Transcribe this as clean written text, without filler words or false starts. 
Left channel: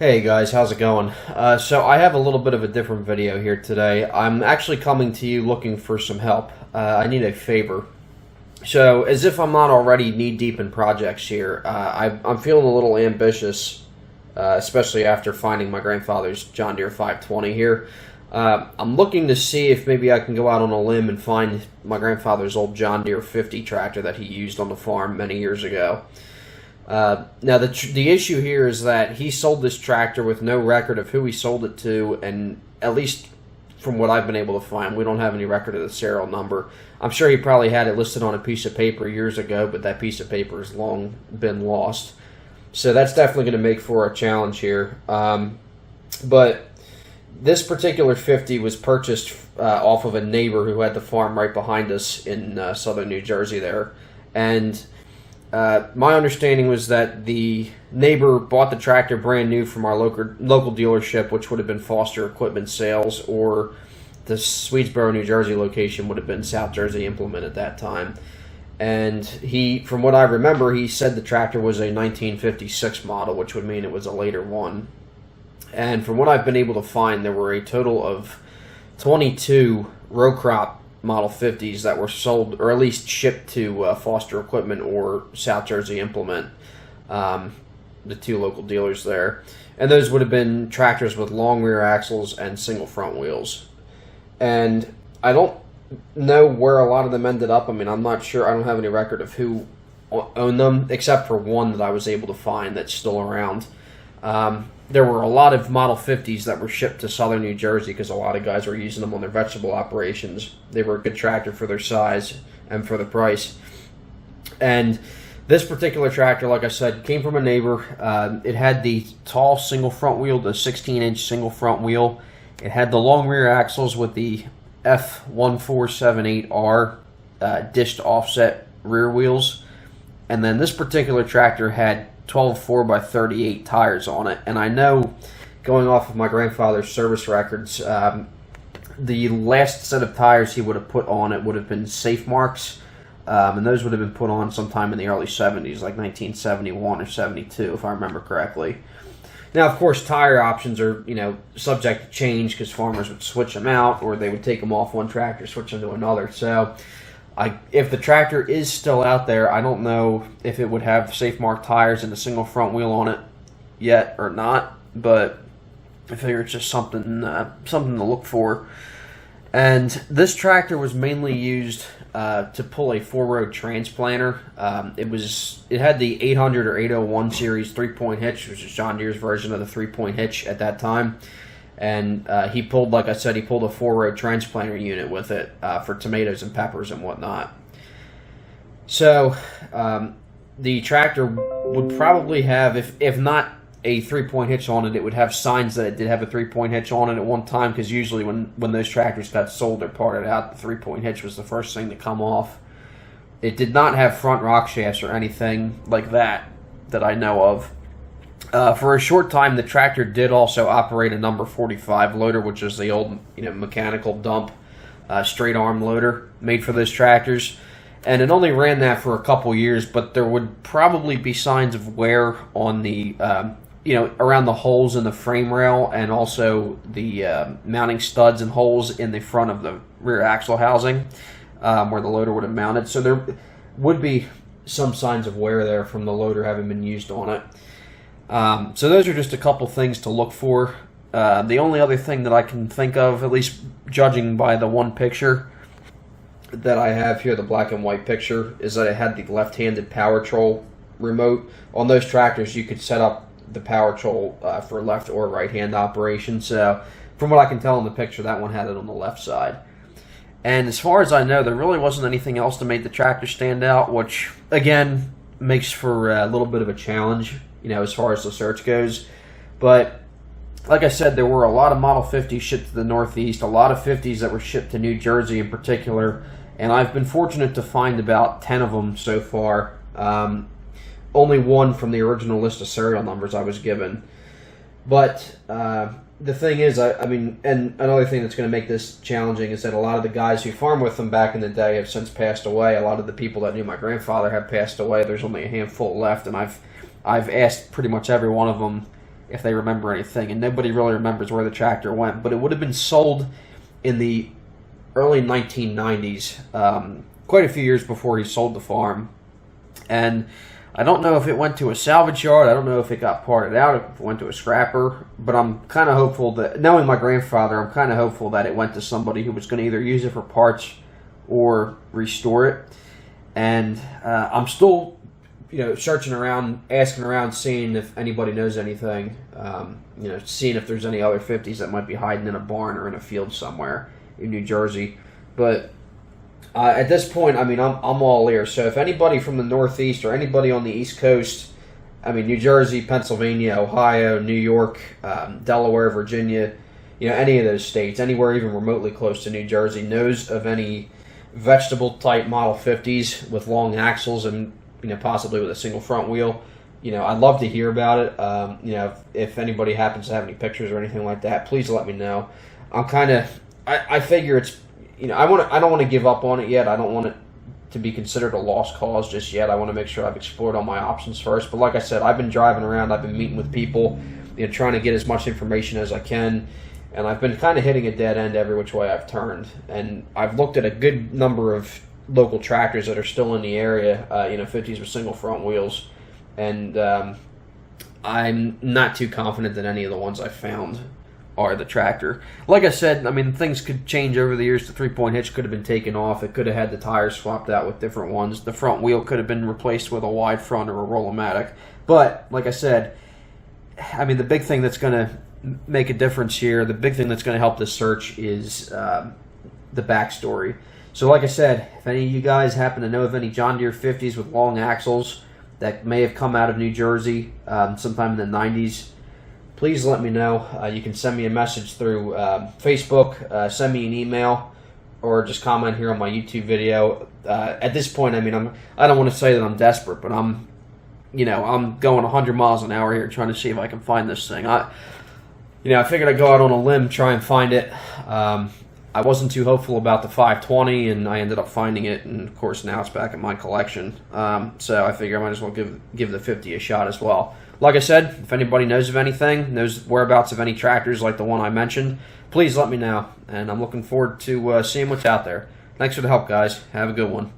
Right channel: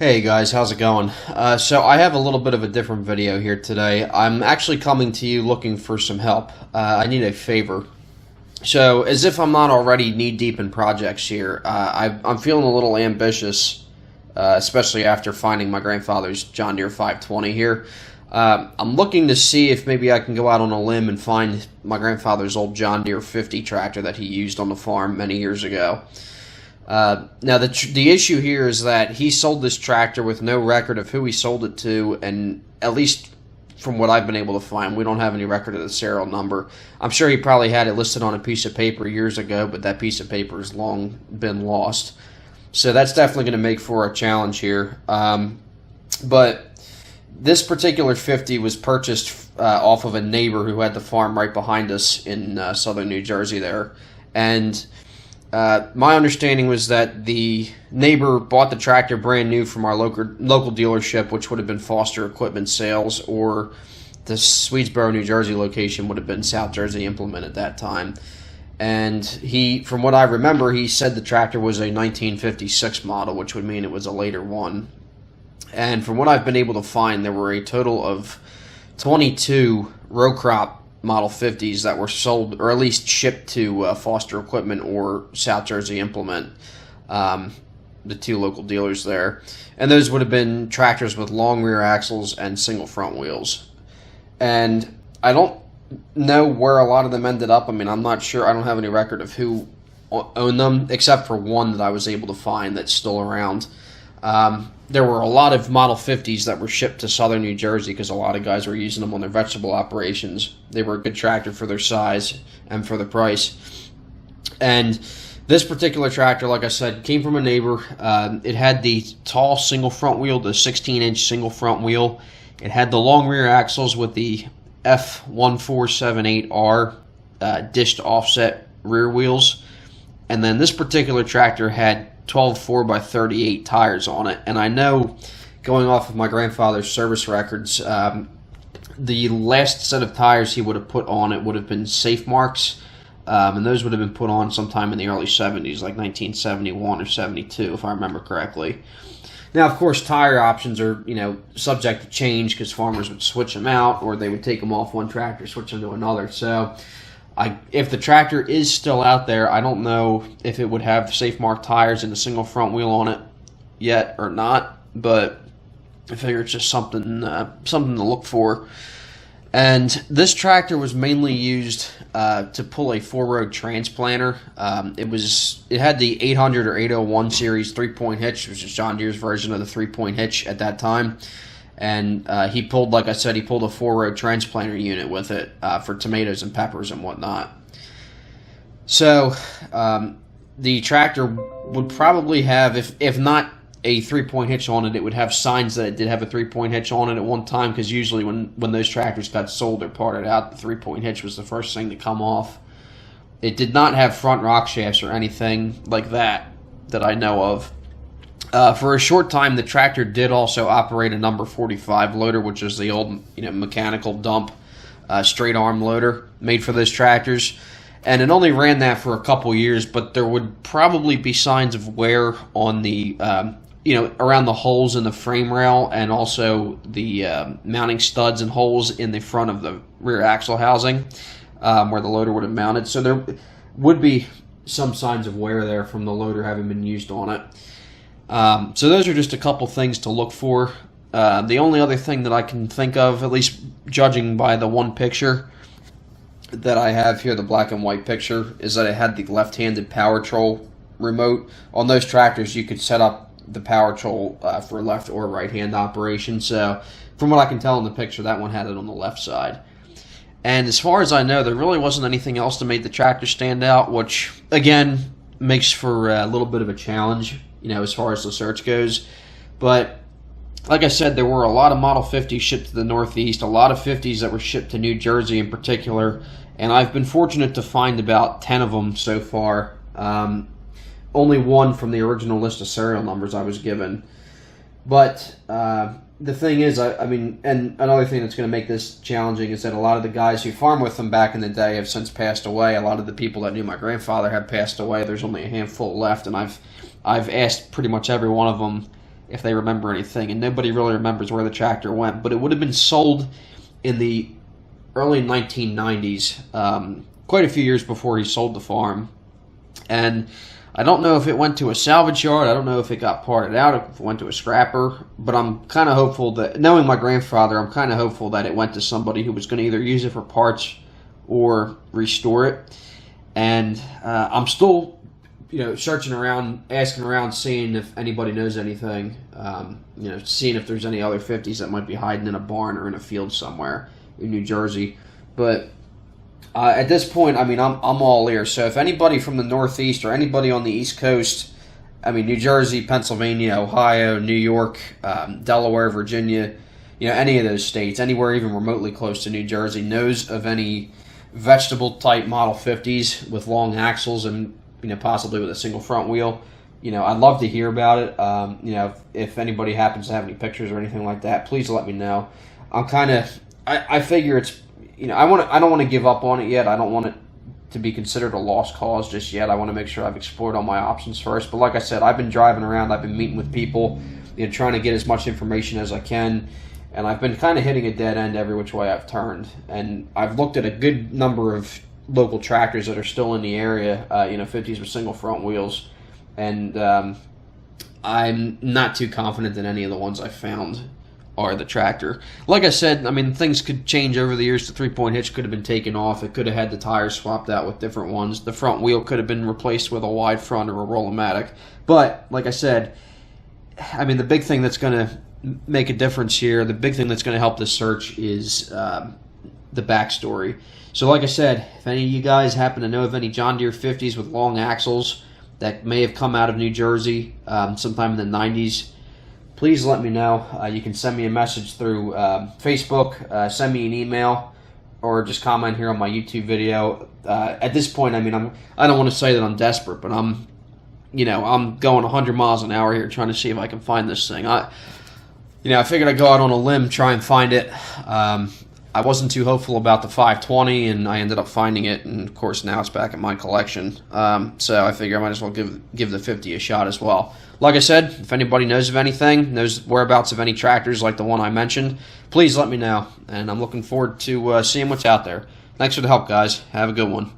Hey guys, how's it going? So I have a little bit of a different video here today. I'm actually coming to you looking for some help. I need a favor. So as if I'm not already knee-deep in projects here, I'm feeling a little ambitious, especially after finding my grandfather's John Deere 520 here. I'm looking to see if maybe I can go out on a limb and find my grandfather's old John Deere 50 tractor that he used on the farm many years ago. Now, the issue here is that he sold this tractor with no record of who he sold it to, and at least from what I've been able to find, we don't have any record of the serial number. I'm sure he probably had it listed on a piece of paper years ago, but that piece of paper has long been lost. So that's definitely going to make for a challenge here. But this particular 50 was purchased off of a neighbor who had the farm right behind us in southern New Jersey there. And my understanding was that the neighbor bought the tractor brand new from our local dealership, which would have been Foster Equipment Sales, or the Swedesboro, New Jersey location would have been South Jersey Implement at that time. And he, from what I remember, he said the tractor was a 1956 model, which would mean it was a later one. And from what I've been able to find, there were a total of 22 row crop Model 50s that were sold, or at least shipped to Foster Equipment or South Jersey Implement, the two local dealers there. And those would have been tractors with long rear axles and single front wheels. And I don't know where a lot of them ended up. I mean, I'm not sure. I don't have any record of who owned them, except for one that I was able to find that's still around. There were a lot of Model 50s that were shipped to southern New Jersey because a lot of guys were using them on their vegetable operations. They were a good tractor for their size and for the price. And this particular tractor, like I said, came from a neighbor. It had the tall single front wheel, the 16-inch single front wheel. It had the long rear axles with the F1478R dished offset rear wheels. And then this particular tractor had 12 4x38 tires on it. And I know, going off of my grandfather's service records, the last set of tires he would have put on it would have been Safe Marks, and those would have been put on sometime in the early 70s, like 1971 or 72, if I remember correctly. Now, of course, tire options are, subject to change because farmers would switch them out, or they would take them off one tractor, switch them to another. So if the tractor is still out there, I don't know if it would have Safe Mark tires and a single front wheel on it yet or not, but I figure it's just something to look for. And this tractor was mainly used to pull a four-row transplanter. It had the 800 or 801 series three-point hitch, which is John Deere's version of the three-point hitch at that time. And he pulled, like I said, he pulled a four-row transplanter unit with it for tomatoes and peppers and whatnot. So the tractor would probably have, if not a three-point hitch on it, it would have signs that it did have a three-point hitch on it at one time, because usually when those tractors got sold or parted out, the three-point hitch was the first thing to come off. It did not have front rock shafts or anything like that I know of. For a short time, the tractor did also operate a number 45 loader, which is the old mechanical dump straight arm loader made for those tractors. And it only ran that for a couple years, but there would probably be signs of wear on the, around the holes in the frame rail, and also the mounting studs and holes in the front of the rear axle housing where the loader would have mounted. So there would be some signs of wear there from the loader having been used on it. So those are just a couple things to look for. The only other thing that I can think of, at least judging by the one picture that I have here, the black and white picture, is that it had the left-handed power troll remote. On those tractors, you could set up the power troll for left or right-hand operation. So from what I can tell in the picture, that one had it on the left side. And as far as I know, there really wasn't anything else to make the tractor stand out, which, again, makes for a little bit of a challenge, as far as the search goes. But like I said, there were a lot of Model 50s shipped to the Northeast, a lot of 50s that were shipped to New Jersey in particular, and I've been fortunate to find about 10 of them so far. Only one from the original list of serial numbers I was given. But the thing is, and another thing that's going to make this challenging is that a lot of the guys who farmed with them back in the day have since passed away. A lot of the people that knew my grandfather have passed away. There's only a handful left, and I've asked pretty much every one of them if they remember anything, and nobody really remembers where the tractor went. But it would have been sold in the early 1990s, quite a few years before he sold the farm. And I don't know if it went to a salvage yard. I don't know if it got parted out, if it went to a scrapper. But I'm kind of hopeful that, knowing my grandfather, I'm kind of hopeful that it went to somebody who was going to either use it for parts or restore it. And I'm still, searching around, asking around, seeing if anybody knows anything. Seeing if there's any other 50s that might be hiding in a barn or in a field somewhere in New Jersey. But at this point, I'm all ears. So if anybody from the Northeast or anybody on the East Coast, New Jersey, Pennsylvania, Ohio, New York, Delaware, Virginia, any of those states, anywhere even remotely close to New Jersey, knows of any vegetable type Model 50s with long axles and possibly with a single front wheel, I'd love to hear about it. If anybody happens to have any pictures or anything like that, please let me know. I figure it's, I don't want to give up on it yet. I don't want it to be considered a lost cause just yet. I want to make sure I've explored all my options first. But like I said, I've been driving around. I've been meeting with people, trying to get as much information as I can. And I've been kind of hitting a dead end every which way I've turned. And I've looked at a good number of local tractors that are still in the area, 50s with single front wheels. And I'm not too confident that any of the ones I found are the tractor. Like I said, things could change over the years. The 3-point hitch could have been taken off. It could have had the tires swapped out with different ones. The front wheel could have been replaced with a wide front or a Roll-O-Matic. But, like I said, the big thing that's going to make a difference here, the big thing that's going to help this search is the backstory. So like I said, if any of you guys happen to know of any John Deere 50s with long axles that may have come out of New Jersey sometime in the 90s, please let me know. You can send me a message through Facebook, send me an email, or just comment here on my YouTube video. At this point, I don't want to say that I'm desperate, but I'm going 100 miles an hour here trying to see if I can find this thing. I figured I'd go out on a limb, try and find it. I wasn't too hopeful about the 520, and I ended up finding it, and of course now it's back in my collection. So I figure I might as well give the 50 a shot as well. Like I said, if anybody knows of anything, knows whereabouts of any tractors like the one I mentioned, please let me know. And I'm looking forward to seeing what's out there. Thanks for the help, guys. Have a good one.